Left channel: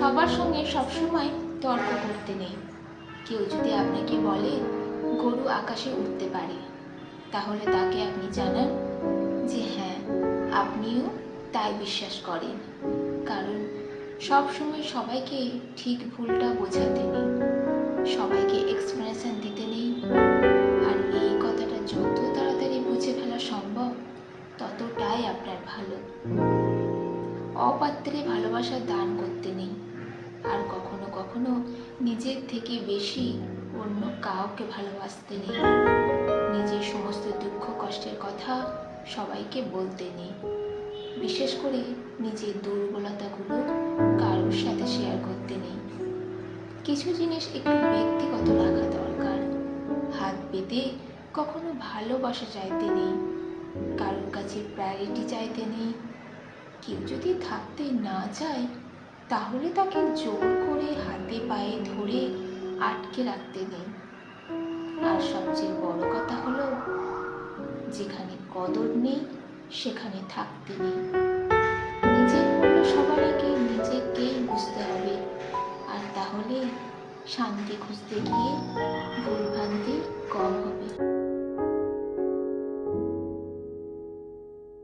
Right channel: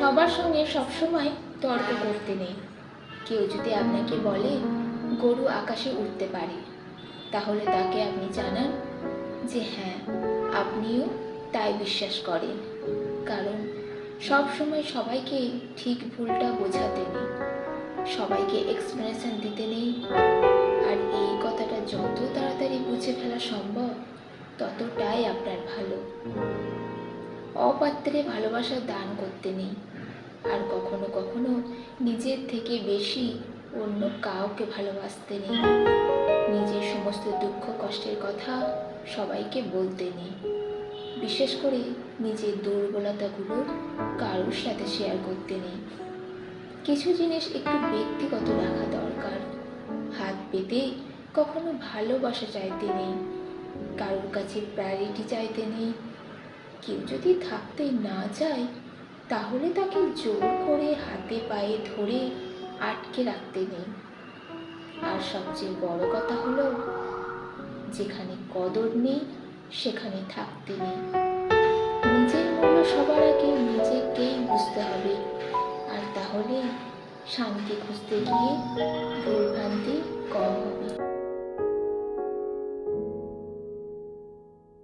সবার সঙ্গে সবসময় তর্ক করতে নেই। কেউ যদি আপনাকে বলে গরু আকাশে উঠতে পারে, তাহলে তাকে আপনি জানান যে হ্যাঁ, আপনিও তাই বিশ্বাস করেন। কারণ সব সময় সবাইকে ঠিক ভুলটা বোঝাতে নেই, সবাইকে এক্সপ্লেনেশন দিতে নেই। আর এই কথাটা যত তাড়াতাড়ি বুঝে ফেলা সম্ভব, ততটাই আপনার ভালো। অপাত্রে ভালোবাসা দান করতে নেই। আর কখনো কখনো নিজের থেকে বেশি অন্য কাউকে ভালোবাসতে নেই। নিজের সমস্ত দুঃখ কষ্টের কথা সবাইকে বলতে নেই। বিশেষ করে নিজের দুর্বলতাগুলো কারোর সাথে শেয়ার করতে নেই। কিছু জিনিস একটু ব্যক্তিগত রাখা দরকার। হাত পেতে কখনো ভালোবাসা চাইতে নেই, কারোর কাছে প্রায়োরিটি চাইতে নেই। কেউ যদি থাকতে না চায়, তাহলে তাকে জোর করে হাতে পায়ে ধরে আটকে রাখতে নেই। আর সবচেয়ে বড় কথা হলো, যেখানে কদর নেই সেখানে থাকতে নেই। নিজের মূল্য সবার আগে নিজেকেই বুঝতে হবে। আর তাহলে শান্তি খুঁজতে গিয়ে ভুলভ্রান্তি কম হবে।